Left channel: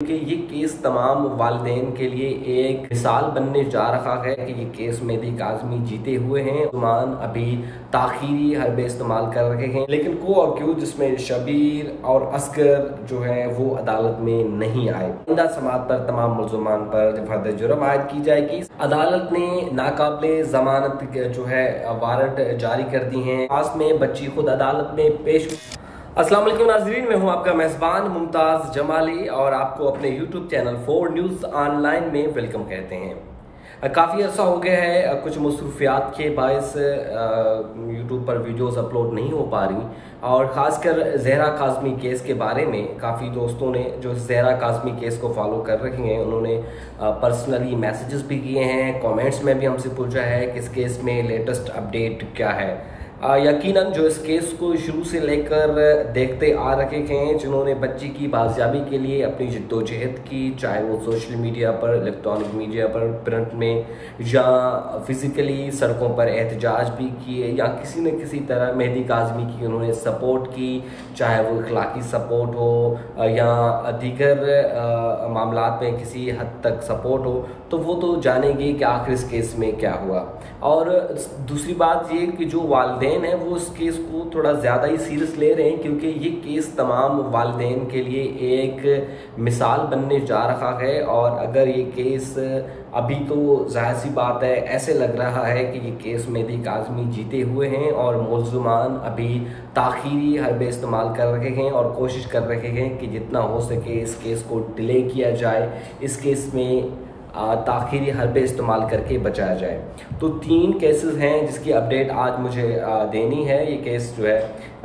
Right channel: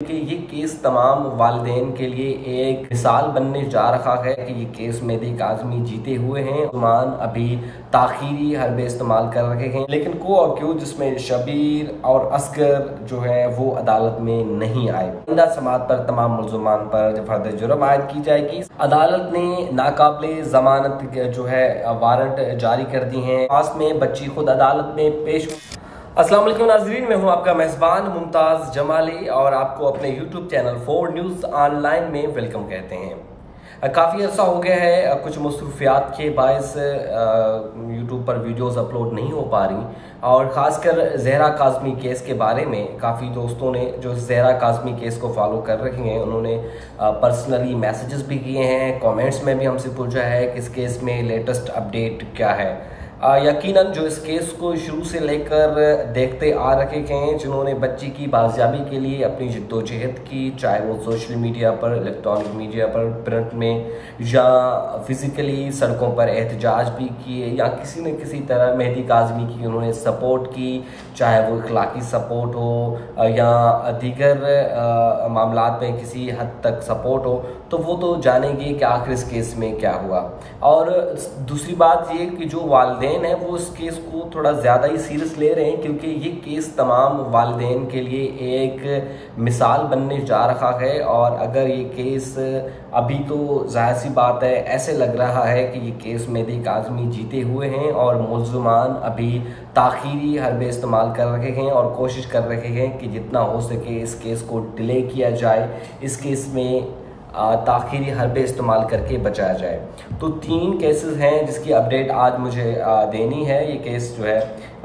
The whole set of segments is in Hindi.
कि ये केस तमाम वालिदैन के लिए एक मिसाल बनने जा रहा है कि ये केस मेहदी काज़मी जीते हुए हैं। उस्मान अभी ताखीरी हरबे इस्तेमाल कर रहे हैं, लेकिन को अक्यूज जिसमें शबीर और असगर जो है वो अदालत में नहीं आए। आइंदा समात पर तमाम मुल्ज़मान पर फर्द जुर्म आयद की जाएगी। अदालत ने नाकाबिले जमानत जो है वारंट जारी कर दी हैं। पास में बच्ची खुद अदालत में पेश। अस्सलाम वालेकुम नाज़रीन, मैं हूं आपका मेज़बान मुमताज़ जमाली और आपको अपने YouTube चैनल 4 न्यूज़ ऑनलाइन में वेलकम कहते हैं। काफ़ी अर्सा हो गया है, कुछ मसरूफियात के बायस YouTube पर वीडियोस अपलोड नहीं हो पा रही और ख़ासकर ज़हरा काज़मी केस के बारे में काफ़ी दोस्तों ने जो ज़हरा काज़मी केस को फॉलो कर रहे हैं उन्होंने पर्सनली मैसेजेस भी किए हैं, कमेंट्स में भी हमसे पूछा है कि इस केस में लेटेस्ट अपडेट क्या है। यकीनन जो इस केस को शुरू से लेकर देखते आ रहे हैं, जिन्होंने बच्ची की बाजियाबी के लिए अपनी जद्दोजहद की, चाहे वो सोशल मीडिया पर, इलेक्ट्रॉनिक मीडिया पर, प्रिंट में या फिज़िकली सड़कों पर एहतजाज भी किए या किसी न किसी तरह मेहदी काज़मी की उन्होंने सपोर्ट की, चाहे वो इखलाकी सपोर्ट हो या दीगर मामलात में किसी हद तक सपोर्ट हो, तो वो तो जानेंगे कि आखिर इस केस में क्या हुआ। और दूसरी बात ये कि जो वालिदैन है वो इस केस को थोड़ा ज़्यादा ही सीरियस ले रहे हैं, क्योंकि ये केस तमाम वालिदैन के लिए एक मिसाल बनने जा रहा है। और अगर ये केस अभी तो जाहिर सी बात है, ऐसे लग रहा है कि ये केस मेहदी काज़मी जीते हुए हैं और मुल्ज़मान अभी ताखीरी हरबे इस्तेमाल कर रहे हैं और कोशिश कर रहे हैं कि जितना हो सके इस केस को डिले किया जाए, इस केस में ताखीरी हरबे इस्तेमाल करके बचाया जाए। तो 3 केसेस हैं जिसकी अपडेट आज मुझे देनी है। ये केस जो है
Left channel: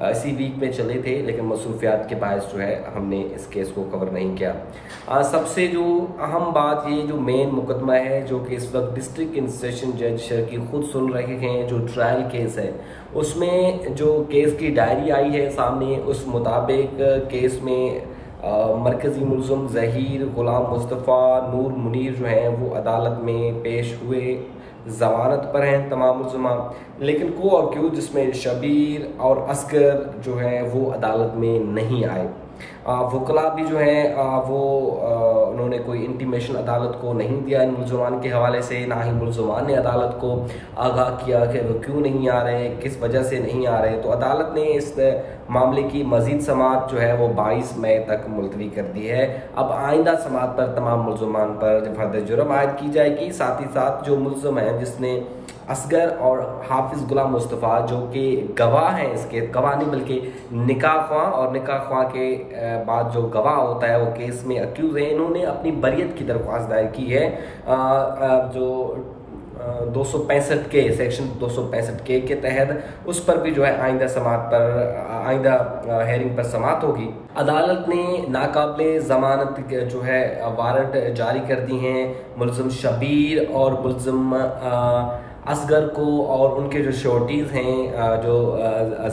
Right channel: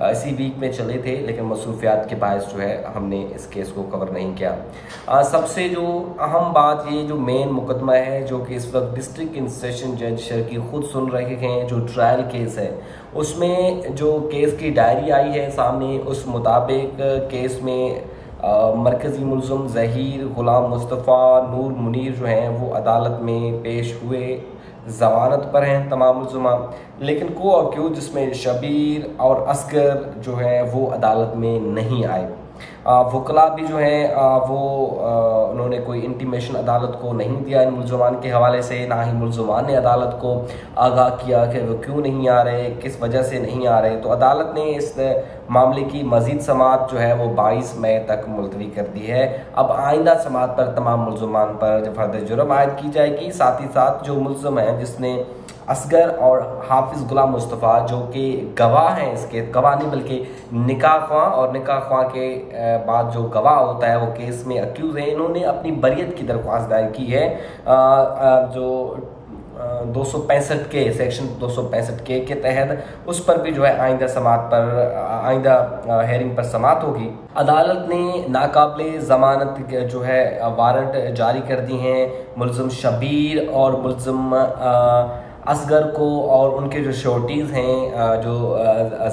इसी वीक में चले थे, लेकिन मसरूफियात के बायस जो है हमने इस केस को कवर नहीं किया। सबसे जो अहम बात, ये जो मेन मुकदमा है जो कि इस वक्त डिस्ट्रिक्ट एंड सेशन जज शर्की खुद सुन रहे हैं, जो ट्रायल केस है, उसमें जो केस की डायरी आई है सामने, उस मुताबिक केस में मरकज़ी मुल्ज़िम ज़हीर, गुलाम मुस्तफ़ा, नूर मुनीर जो हैं वो अदालत में पेश हुए, ज़मानत पर हैं तमाम मुल्ज़मान, लेकिन को अक्यूज जिसमें शबीर और असगर जो हैं वो अदालत में नहीं आए। वकला भी जो हैं वो उन्होंने कोई इंटीमेशन अदालत को नहीं दिया इन मुल्ज़मान के हवाले से, ना ही मुल्ज़मान ने अदालत को आगाह किया कि वो क्यों नहीं आ रहे, किस वजह से नहीं आ रहे। तो अदालत ने इस मामले की मज़ीद समात जो है वो 22 मई तक मुलतवी कर दी है। अब आइंदा समात पर तमाम मुल्ज़मान पर फर्द जुर्म आयद की जाएगी। साथ ही साथ जो मुल्ज़म है जिसने असगर और हाफिज़ गुलाम मुस्तफ़ा जो कि गवाह हैं, इसके गवाह नहीं बल्कि निकाह ख्वाह, और निकाह ख्वाह के बाद जो गवाह होता है वो केस में अक्यूज़ हैं, इन्होंने अपनी बरियत की दरख्वास्त दायर की है। जो 265 के सेक्शन 265 के तहत उस पर भी जो है आइंदा समात पर आइंदा हेयरिंग पर समात होगी। अदालत ने नाकाबिले ज़मानत जो है वारंट जारी कर दी हैं मुल्ज़िम शबीर और मुल्ज़िम असगर को, और उनके जो श्योरिटीज़ हैं, जो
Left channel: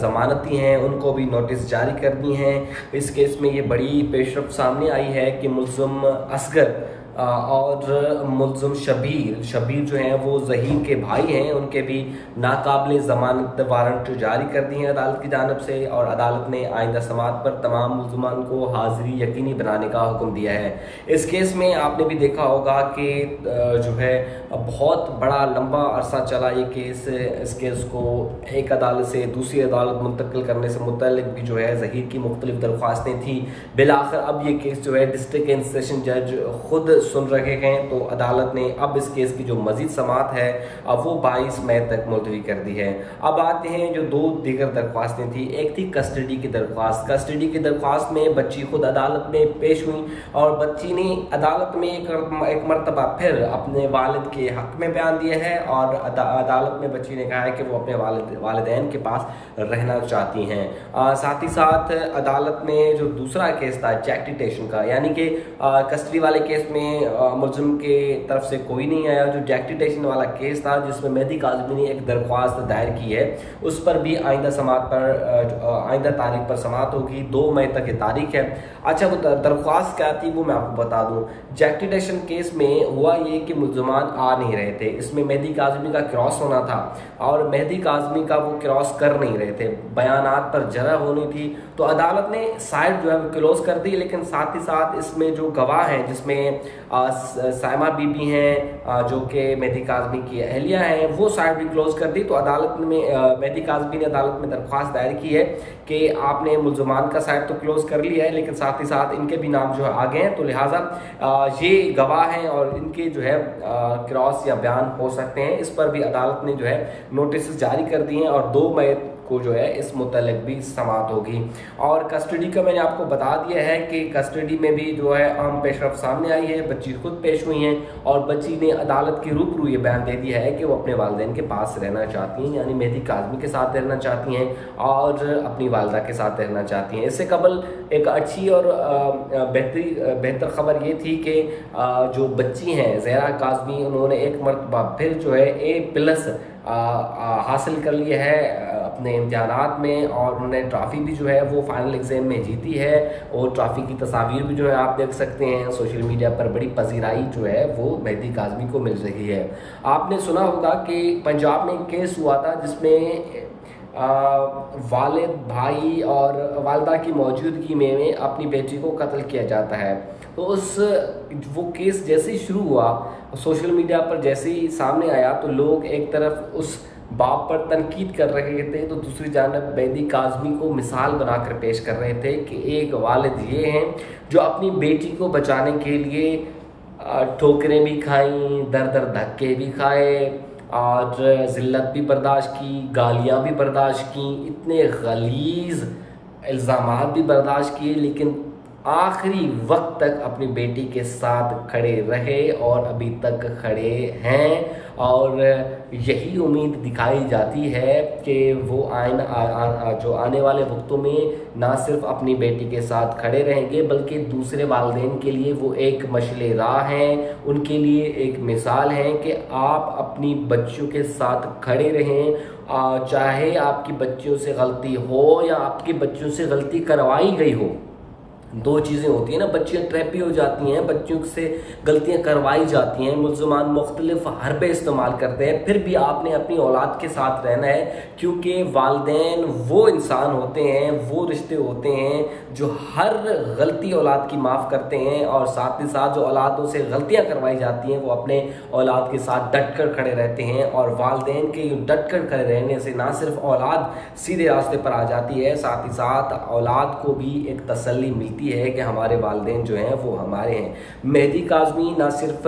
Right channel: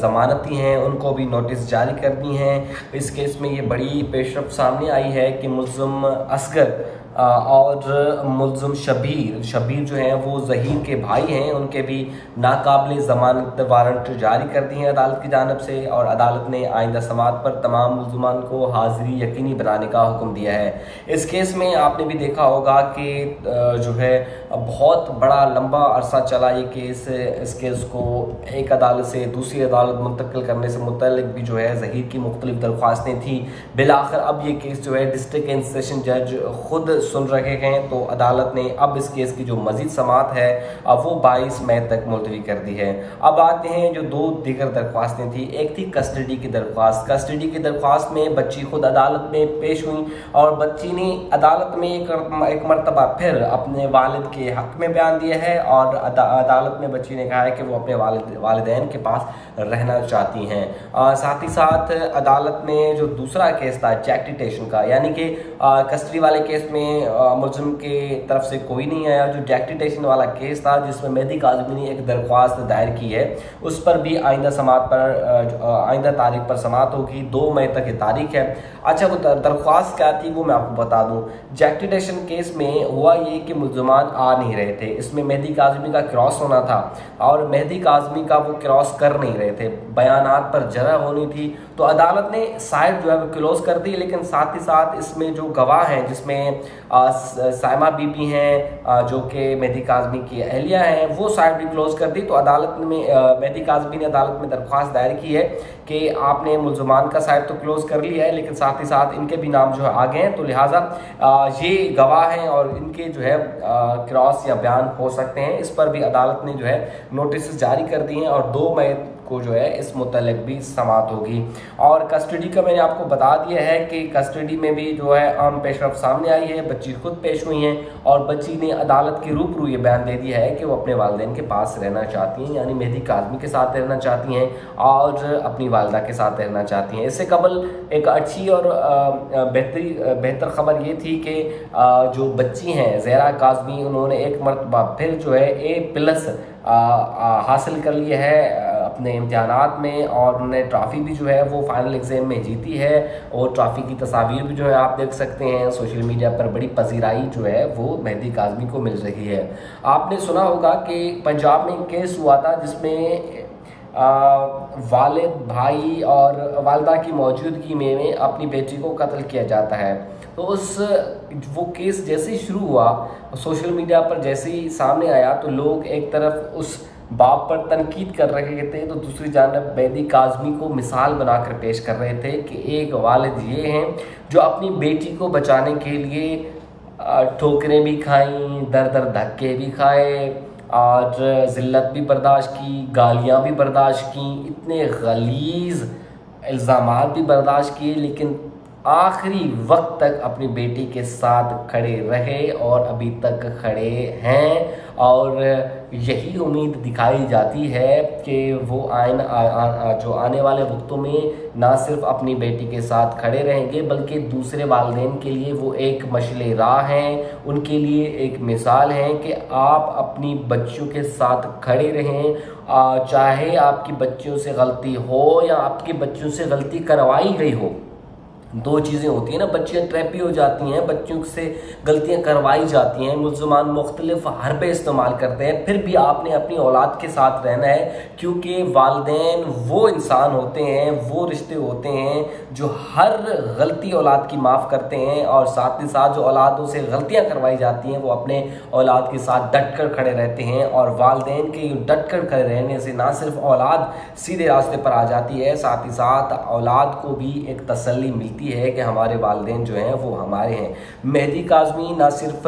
ज़मानती हैं, उनको भी नोटिस जारी कर दी हैं। इस केस में ये बड़ी पेशरफ सामने आई है कि मुल्ज़िम असगर और मुल्ज़िम शबीर जो हैं वो ज़हीर के भाई हैं, उनके भी नाकाबिले ज़मानत वारंट जारी कर दी हैं अदालत की जानिब से, और अदालत ने आइंदा समात पर तमाम मुल्ज़मान को हाज़िरी यकीनी बनाने का हुक्म दिया है। इस केस में आपने भी देखा होगा कि जो है बहुत बड़ा लंबा अरसा चला ये केस। इस केस को एक अदालत से दूसरी अदालत मुंतकिल करने से मुतल्लिक भी जो है ज़हीर की मुख्तलिफ दरख्वास्तें थी। बिलाखिर अब ये केस जो है डिस्ट्रिक्ट एंड सेशन जज खुद सुन रहे हैं, तो अदालत ने अब इस केस की जो मजीद समात है अब वो 22 मई तक मुलतवी कर दी है। अब आते हैं जो 2 दीगर दरख्वास्तें थी। एक थी कस्टडी की दरख्वास्त। कस्टडी की दरख्वास्त में बच्ची खुद अदालत में पेश हुई और बच्ची ने अदालत में एक मरतबा फिर अपने वालिद के हक में बयान दिया है और अदालत में बच्ची ने कहा है कि वो अपने वालिदैन के पास रहना चाहती हैं। साथ ही साथ अदालत में जो दूसरा केस था चैक डिटेशन का, यानी कि कस्टडी वाले केस में में मुलजिम के तरफ से कोई नहीं आया। जो जैक्टिटेशन वाला केस था जिसमें मेहदी काज़मी ने एक दरख्वास्त दायर की है, उस पर भी आइंदा तारीख पर समाअत होगी। 2 मई तक ये तारीख है। अच्छा, वो दरख्वास्त क्या थी वो मैं आपको बता दूं। जैक्टिटेशन केस में हुआ ये कि मुलजमान आ नहीं रहे थे। इसमें मेहदी काज़मी का क्रॉस होना था और मेहदी काज़मी का वो क्रॉस कर नहीं रहे थे, बयानात पर जरा होनी थी, तो अदालत ने साइड जो है वो क्लोज कर दी। लेकिन साथ ही साथ इसमें जो गवाह हैं, जिसमें साइमा बीबी हैं जो कि मेहदी काज़मी की अहलिया हैं, वो साइड भी क्लोज कर दी। तो अदालत में मेहदी काज़मी ने अदालत में दरख्वास्त दायर की है कि आपने मुलजमान का साइड तो क्लोज कर लिया है, लेकिन साथ ही साथ इनके भी नाम जो है आ गए हैं, तो लिहाजा ये गवाह हैं और इनके जो है क्रॉस या बयान हो सकते हैं। इस पर भी अदालत ने जो है नोटिस जारी कर दिए हैं और 2 मई को जो है इस मुतल्लिक़ भी समाअत होगी। और कस्टडी का मैंने आपको बता दिया है कि कस्टडी में भी जो है अहम पेशरफ सामने आई है। बच्ची खुद पेश हुई हैं और बच्ची ने अदालत के रूबरू ये बयान दे दिया है कि वो अपने वालिदैन के पास रहना चाहती हैं, यानी मेहदी काज़मी के साथ रहना चाहती हैं और अपनी वालिदा के साथ रहना चाहती हैं। इससे कबल एक अच्छी और बेहतर खबर ये थी कि जो बच्ची हैं ज़हरा काज़मी, उन्होंने एक मरतबा फिर जो है A+ हासिल कर लिया है अपने इम्तिहानात में और उन्होंने ट्रॉफ़ी भी जो है वो फाइनल एग्ज़ाम में जीती है। और ट्रॉफ़ी की तस्वीर भी जो है आप देख सकते हैं सोशल मीडिया पर, बड़ी पजीराई जो है वो मेहदी काज़मी को मिल रही है। आपने सुना होगा कि पंजाब में केस हुआ था जिसमें वालिद, भाई और वालदा की मौजूदगी में अपनी बेटी को कत्ल किया जाता है। तो वो केस जैसे ही शुरू हुआ, सोशल मीडिया पर जैसे ही सामने आया, तो लोग एक तरफ उस बाप पर तनकीद कर रहे थे तो दूसरी जानब मेहदी काज़मी को मिसाल बनाकर पेश कर रहे थे कि एक वालिद ये हैं जो अपनी बेटी को बचाने के लिए ठोकरें भी खाई, दर धक्के भी खाए और ज़िल्लत भी बर्दाश्त की, गालियाँ भी बर्दाश्त की, इतने गलीज़ इल्ज़ामात भी बर्दाश्त किए, लेकिन आखिरी वक्त तक अपनी बेटी के साथ खड़े रहे और अभी तक खड़े हैं। और यही उम्मीद दिखाई जाती है कि वो जो आने वाले वक्तों में ना सिर्फ अपनी बेटी के साथ खड़े रहेंगे बल्कि दूसरे वालिदैन के लिए वो एक मशले राह हैं, उनके लिए एक मिसाल हैं कि आप अपनी बच्चियों के साथ खड़े रहें, चाहे आपकी बच्चियों से गलती हो या आपकी बच्चियों से गलती करवाई गई हो। 2 चीज़ें होती हैं ना, बच्चियाँ ट्रैप भी हो जाती हैं, बच्चियों से गलतियां करवाई जाती हैं, मुल्ज़मान मुख्तलिफ हरबे इस्तेमाल करते हैं, फिर भी आपने अपनी औलाद के साथ रहना है क्योंकि वालिदैन वो इंसान होते हैं, वो रिश्ते होते हैं जो हर गलती औलाद की माफ़ करते हैं और साथ ही साथ जो औलादों से गलतियां करवाई जाती हैं वो अपने औलाद के साथ डट कर खड़े रहते हैं। और वालिदैन के डट कर खड़े रहने से ना सिर्फ औलाद सीधे रास्ते पर आ जाती है, साथ ही साथ औलाद को भी एक तसल्ली मिलती है कि हमारे वालिदैन जो हैं वो हमारे हैं। मेहदी काज़मी ना सिर्फ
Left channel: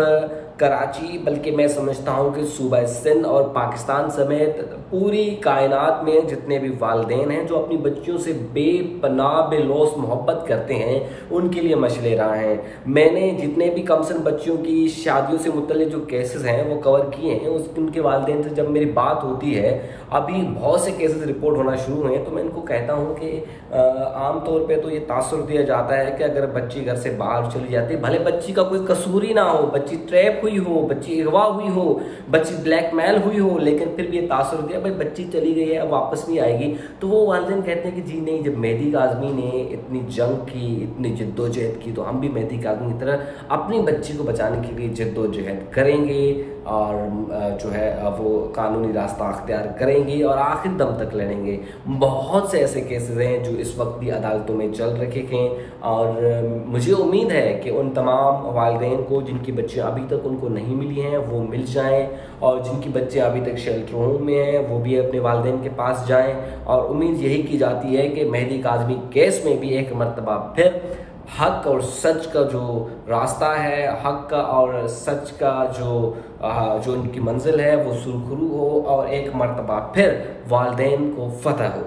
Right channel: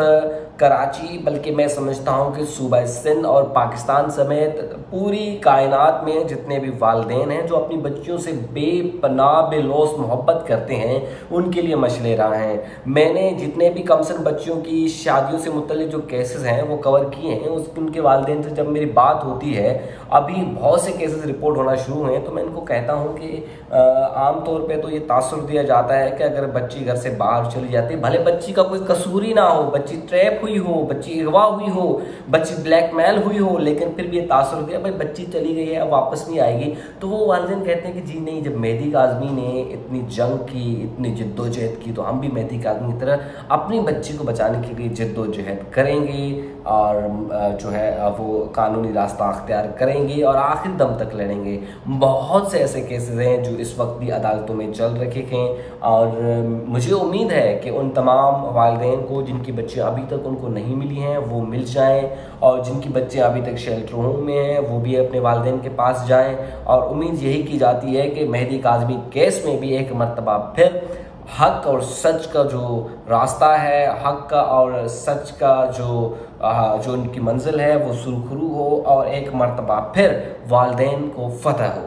कराची बल्कि मैं समझता हूँ कि सूबा सिंध और पाकिस्तान समेत पूरी कायनात में जितने भी वालिदैन हैं जो अपनी बच्चियों से बेपनाह बेलौस मोहब्बत करते हैं उनके लिए मशले राह हैं। मैंने जितने भी कमसन बच्चियों की शादियों से मुतल्लिक जो केसेस हैं वो कवर किए हैं, उनके वालिदैन से जब मेरी बात होती है, अभी बहुत से केसेस रिपोर्ट होना शुरू हुए हैं, तो मैं इनको कहता हूँ कि आम तौर पे तो ये तासुर दिया जाता है कि अगर बच्ची घर से बाहर चली जाती है, भले बच्ची का कोई कसूर ही ना हो, बच्ची ट्रैप हुई हो, बच्ची अगवा हुई हो, बच्ची ब्लैकमेल हुई हो, लेकिन फिर भी ये तासुर दिया भाई बच्ची चली गई है अब वापस नहीं आएगी। तो वो वालिदैन कहते हैं कि जी नहीं, जब मेहदी काज़मी ने इतनी जंग की, इतनी जिद्दोजहद की, तो हम भी मेहदी काज़मी की तरह अपनी बच्ची को बचाने के लिए जिद्दोजहद करेंगे और जो है वो कानूनी रास्ता अख्तियार करेंगे और आखिर दम तक लड़ेंगे। बहुत से ऐसे केसेस हैं जो इस वक्त भी अदालतों में चल रखे हैं और मुझे उम्मीद है कि उन तमाम वालिदैन को जिनकी बच्चियाँ अभी तक उनको नहीं मिली हैं वो मिल जाएं और जिनकी बच्चियाँ अभी तक शेल्टर होम में हैं वो भी अपने वालिदैन के पास जाएं। और उम्मीद यही की जाती है कि मेहदी काज़मी केस में भी एक मरतबा फिर हक और सच का जो रास्ता है, हक का और सच का जो उनकी मंजिल है वो सुरखरू हो और एक मरतबा फिर वालिदैन को फतह हो।